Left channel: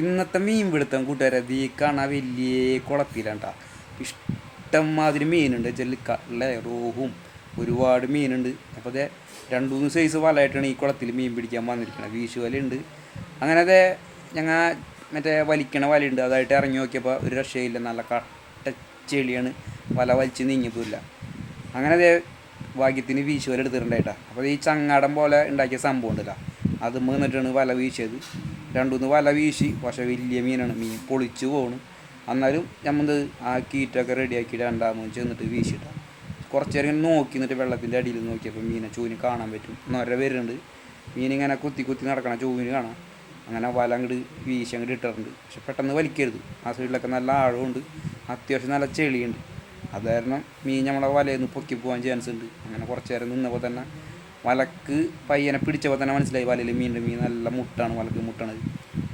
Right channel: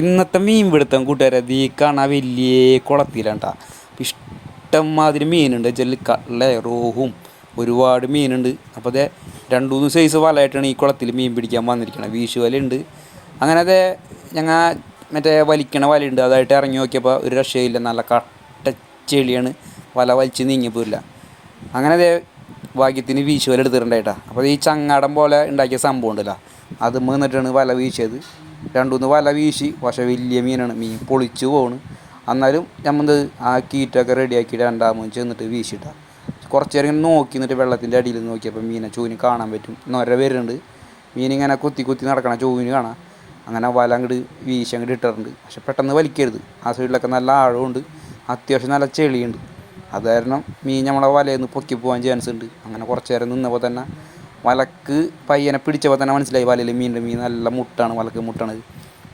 ഇന്നത്തെ മീൻ പിടുത്തം കൂട്ടുകാരെ ദീ കാണാൻ വലിയ കുളത്തിലാണ്ടാ. ഇഷ്ടംമാതിരി മീനുണ്ട് ചെല്ലി കള്ള റോഹും ഒരുപാട് മീനുണ്ട്. അപ്പോൾ അതെ രണ്ടു മൂന്ന് സൈസ് വലയായിട്ടാണ് ഈ കുളത്തിൽ മീൻ പിടിക്കാൻ വന്നിരിക്കുന്നത് വീശു വലയുണ്ട്. അങ്ങനെ അതെ ഞങ്ങൾ മറ്റേ വലിക്കണ വലയുണ്ട് അതായിട്ട് ഇറങ്ങി നോക്കിയപ്പോൾ ഒരു രക്ഷയില്ല. നല്ല കട്ട ചെളിയാണ്. വല വലിച്ച് നീങ്ങിപ്പോയില്ല അങ്ങനെ അതെ ഭാഗ്യത്തിന് വീശുവല എടുത്തിട്ടുണ്ടായിട്ടാ അപ്പോൾ ഈ ചങ്ങാടം പോലെ ഉണ്ടാക്കിയ സംഭവം ഉണ്ടല്ലോ. അത് നിന്നിട്ടാണ് വല വീശിയത്. രണ്ടുമൂന്ന് വല വീശി. പക്ഷേ വലിയ മീനാണ്. മീൻ പൊളിച്ചു പോണ്. അന്നാലും നമ്മൾ ആ കീറ്റൊക്കെ റെഡിയാക്കി രണ്ടാമത് ചെന്നിട്ട് വീശിട്ടാ. കുറച്ച് നേരം ഇങ്ങനെ നോക്കി നിന്നിട്ട് വെള്ളത്തിന്റെ അടിയിൽ നോക്കിയപ്പോൾ മീനെ ചൂവിന് കാണാൻ പറ്റും. നൊര വരുന്നുണ്ട്. മീനിങ്ങനെ കുത്തി കുത്തി നടക്കണം ചൂവിന് കാണാം. അങ്ങനെ വല അങ്ങോട്ട് വീശി അങ്ങോട്ട് ഇട്ടിട്ടുണ്ട്. പക്ഷെ പെട്ടെന്ന് വലിക്കരുത്. ആ സൈഡിലൊക്കെ നല്ല ആഴമുണ്ട്. അത്യാവശ്യം നല്ല ചെളിയുണ്ട്. അത് കാരണം മീൻ നമ്മളെ വലയിൽ നിന്ന് പൊക്കി പോകാൻ ചാൻസ് ഉണ്ട്. അങ്ങനെ കുറച്ച് നേരം നിന്നപ്പോൾ തന്നെ വലക്ക് പയ്യനെ പിടിച്ചപ്പോൾ തന്നെ മനസ്സിലായി വലയിൽ മീനിന്റെ മീൻ നല്ല മുട്ടാണ് വലക്ക് മുട്ടാണ്.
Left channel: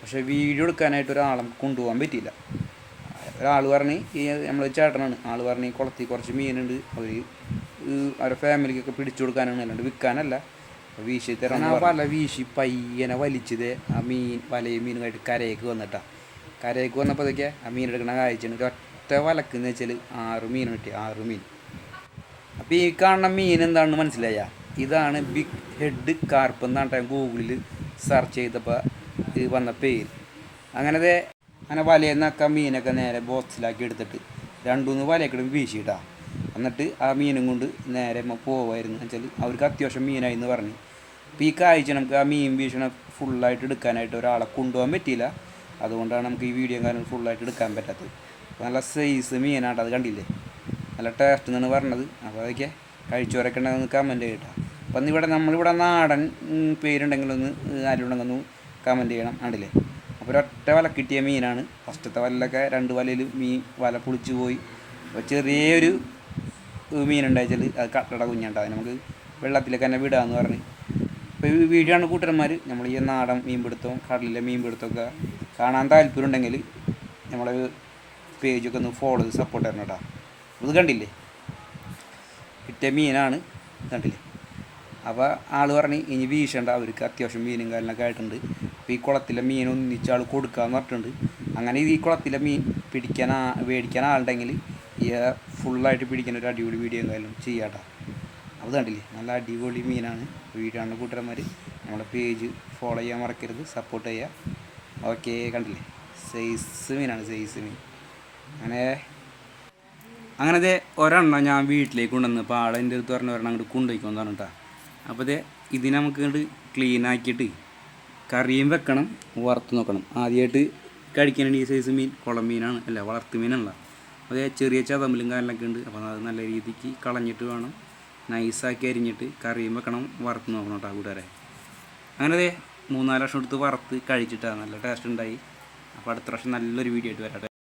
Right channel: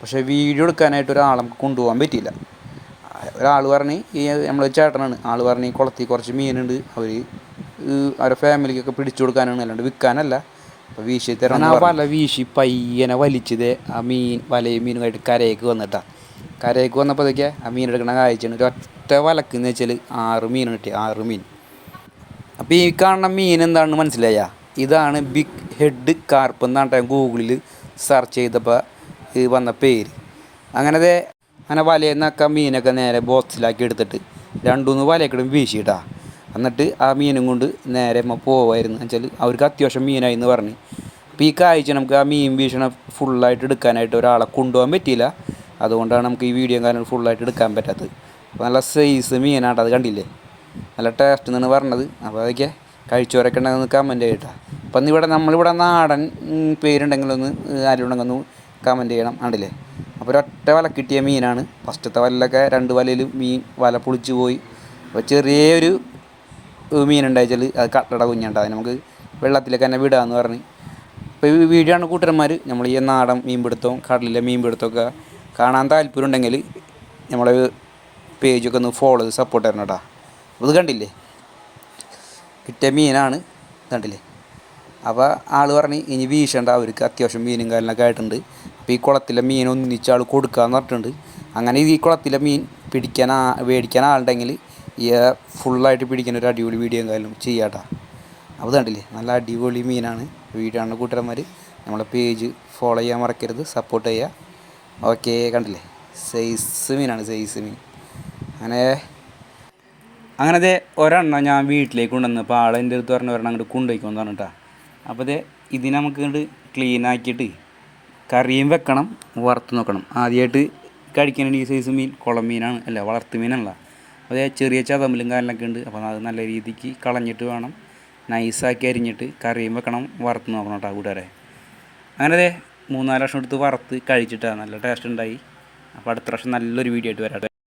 പക്ഷേ വീഡിയോ എടുക്കാനായിട്ട് ഒരാളെ നമുക്ക് കൊണ്ടുപോകാൻ പറ്റിയില്ല. ഒരാൾ പറഞ്ഞ് ഈ നമ്മൾ ചേട്ടനാണ്. ആൾ പറഞ്ഞ് കുളത്തിൽ കുറച്ച് മീനുണ്ട്. അവർ അവരുടെ ഫാമിലിക്കൊക്കെ പിടിച്ചു കൊടുക്കാനാണ് അല്ലാണ്ട് വിൽക്കാനല്ല. അപ്പോൾ വീശി തരാൻ വല വീശി പയ്യനെ വലിച്ചത് ആ മീൻ വലയും മീനുമായിട്ട് കരയ്ക്ക് വന്നിട്ടാ. കരയ്ക്ക് വന്നപ്പോഴത്തേക്ക് ആ മീൻ എടുക്കണ കാഴ്ചയാണ്. ഒരു ഒറ്റ വലക്കെന്ന് വെച്ചാൽ ആറ് മീൻ കിട്ടി ആറ് മീൻ. അപ്പോൾ ഈ കാണുന്ന മീൻ എന്താണെന്ന് മനസ്സിലായ? ഇതാണ് ബിഗ് ഹെഡ് കാർപ്പ് എന്നാണ് ഞാൻ ഗൂഗിളിൽ സെർച്ച് ചെയ്തപ്പോൾ ഇത് വന്ന പേര്. അങ്ങനെ അങ്ങനെ വലയെന്നൊക്കെ മീനൊക്കെ നേരെ ബോക്സിലാക്കി എടുത്തിട്ട് രണ്ടുമൂന്ന് വലയൊക്കെ വീശിയിട്ടാ. എന്നിട്ട് ആ മീനും കൊണ്ട് നേരെ പോവായിരുന്നു. വെച്ചാൽ അവർക്ക് അത്യാവശ്യം മീനായി എന്ന് പറഞ്ഞ്. അപ്പോൾ ഈ കാഴ്ച നമുക്ക് ആ മീൻ വീശണ ഫുള്ളായിട്ട് എടുക്കാനായിട്ട് ഒരാളെ കൊണ്ടുപോകാൻ പറ്റിയില്ല. അതുകൊണ്ടാണ് നമുക്ക് ഈ വീഡിയോ കാരണം ഫുള്ളായിട്ട് എടുക്കാൻ പറ്റാത്തത്. അപ്പോൾ നല്ല സൈസ് മീനാണ് അത് കണ്ടില്ലേ? നല്ല ടേസ്റ്റ് എന്നാണ് പറഞ്ഞത്. അപ്പോൾ അതൊക്കെ കഴിച്ചവരൊക്കെ ഉണ്ടെങ്കിൽ കമന്റ് ചെയ്യട്ടെ അപ്പം ഇവിടെ നമ്മളിവിടെ നാടൻ പേരുണ്ടെങ്കിലൊന്ന് പേരുണ്ടെങ്കിൽ ഒന്ന് കമന്റ് ചെയ്യണം. ആണ്ടില്ലേ അപ്പോൾ ഒരൊറ്റ വല കിട്ടിയ മീനാണ്. ഫസ്റ്റത്തെ വലയിലൊക്കെ രണ്ട് വലയിൽ മീൻ വല പൊളിച്ച് പോയി. അപ്പോൾ ചെറിയൊരു മീനുണ്ടായിച്ചാൽ അത് കട്ടട കുഞ്ഞുണ്ട്. അത് നമുക്ക് വെള്ളത്തിലേക്ക് തന്നെ വിടാമെന്ന് പറഞ്ഞ്. ഇപ്പോൾ ഈ വീഡിയോ ആണ് കൂട്ടന്മാർ നമ്മൾ ഈ നാടൻ മീൻ മീൻപിടുത്തവും കടലിലെ മീൻപിടുത്തമൊക്കെ കാണാൻ താല്പര്യം ഉണ്ടെങ്കിൽ നമ്മളെ പേജൊക്കെ ഒന്ന് ഫോളോ ചെയ്ത് സപ്പോർട്ട് തരണം കേട്ടോ അപ്പോൾ കണ്ടില്ലേ? കിട്ടിയ മീനാണ്. കണ്ടില്ലേ? അപ്പോൾ ആൾ പറഞ്ഞ് ഇനി വീശണ്ട അവർക്ക് അത്യാവശ്യം മീനും കാര്യങ്ങളൊക്കെ ആയിട്ടുണ്ട്. അപ്പോൾ ഈ കുളത്തിലെ മീൻ ഒന്നിച്ച് ആൾ കൊടുക്കാന്ന് പറഞ്ഞിട്ടുണ്ട്. അങ്ങനെ ഈ കുളത്തിലെ മീൻ പിടിക്കാൻ ആ മേടിക്കാൻ ആളുണ്ടെങ്കിൽ ഈ ഫുള്ളായിട്ട് പിടിക്കുന്ന ഒരു അടിപൊളി വീഡിയോ കാര്യം ചെയ്യാട്ടാ അപ്പോൾ കണ്ടില്ലേ? നല്ല അടിപൊളി മീനാണ്. വീഡിയോ കൂട്ടുകാരന്മാർ നമ്മളെ പേജ് ഫോളോ ചെയ്യാൻ മറക്കരുത്. സപ്പോർട്ട് ചെയ്യുക ഓക്കെ കണ്ടില്ലേ? സൈസ് മീനാണ് സൈസ് മീൻ. അങ്ങനെ അങ്ങനത്തെ ഒരെണ്ണം ഞാൻ വീട്ടിലേക്ക് കൊണ്ടുവന്നപ്പോൾ ആളെ എന്റെ അടുത്ത് പറഞ്ഞ ഒരെണ്ണം അങ്ങോട്ട് കൊണ്ടുപോയിക്കോന്ന് പറഞ്ഞിട്ടാ. അപ്പോൾ അതെ ഇതിനെ നമുക്ക് ഇങ്ങോട്ട് ക്ലീൻ ആക്കിയിട്ട് കറിയും വെക്കണം വറുത്ത് നോക്കണം. ആദ്യമായിട്ട് കഴിക്കുന്ന ഈ സൈസ് മീൻ കുളം മീനാണ് അല്ല വളർത്തു മീനല്ല. അതേ ചെറിയ ചതമ്പലും കാര്യങ്ങളൊക്കെ ഉണ്ട് അപ്പോൾ അത് നല്ല രീതിക്ക് കളഞ്ഞിട്ട് വേണം. നൈസാക്കി അരിഞ്ഞിട്ട് കറിയും വെക്കണം വറുത്ത് നോക്കണം കേട്ടോ കൂട്ടുകാരെ. അങ്ങനെ മൂന്നാൽ ലക്ഷം എടുത്ത് വറുത്ത് കഴിച്ചിട്ടാണ് നല്ല ടേസ്റ്റ് ഉണ്ടായി. അപ്പോൾ അടുത്ത പ്രാവശ്യം നല്ലൊരു വീഡിയോ ആയിട്ട് വരാട്ടെ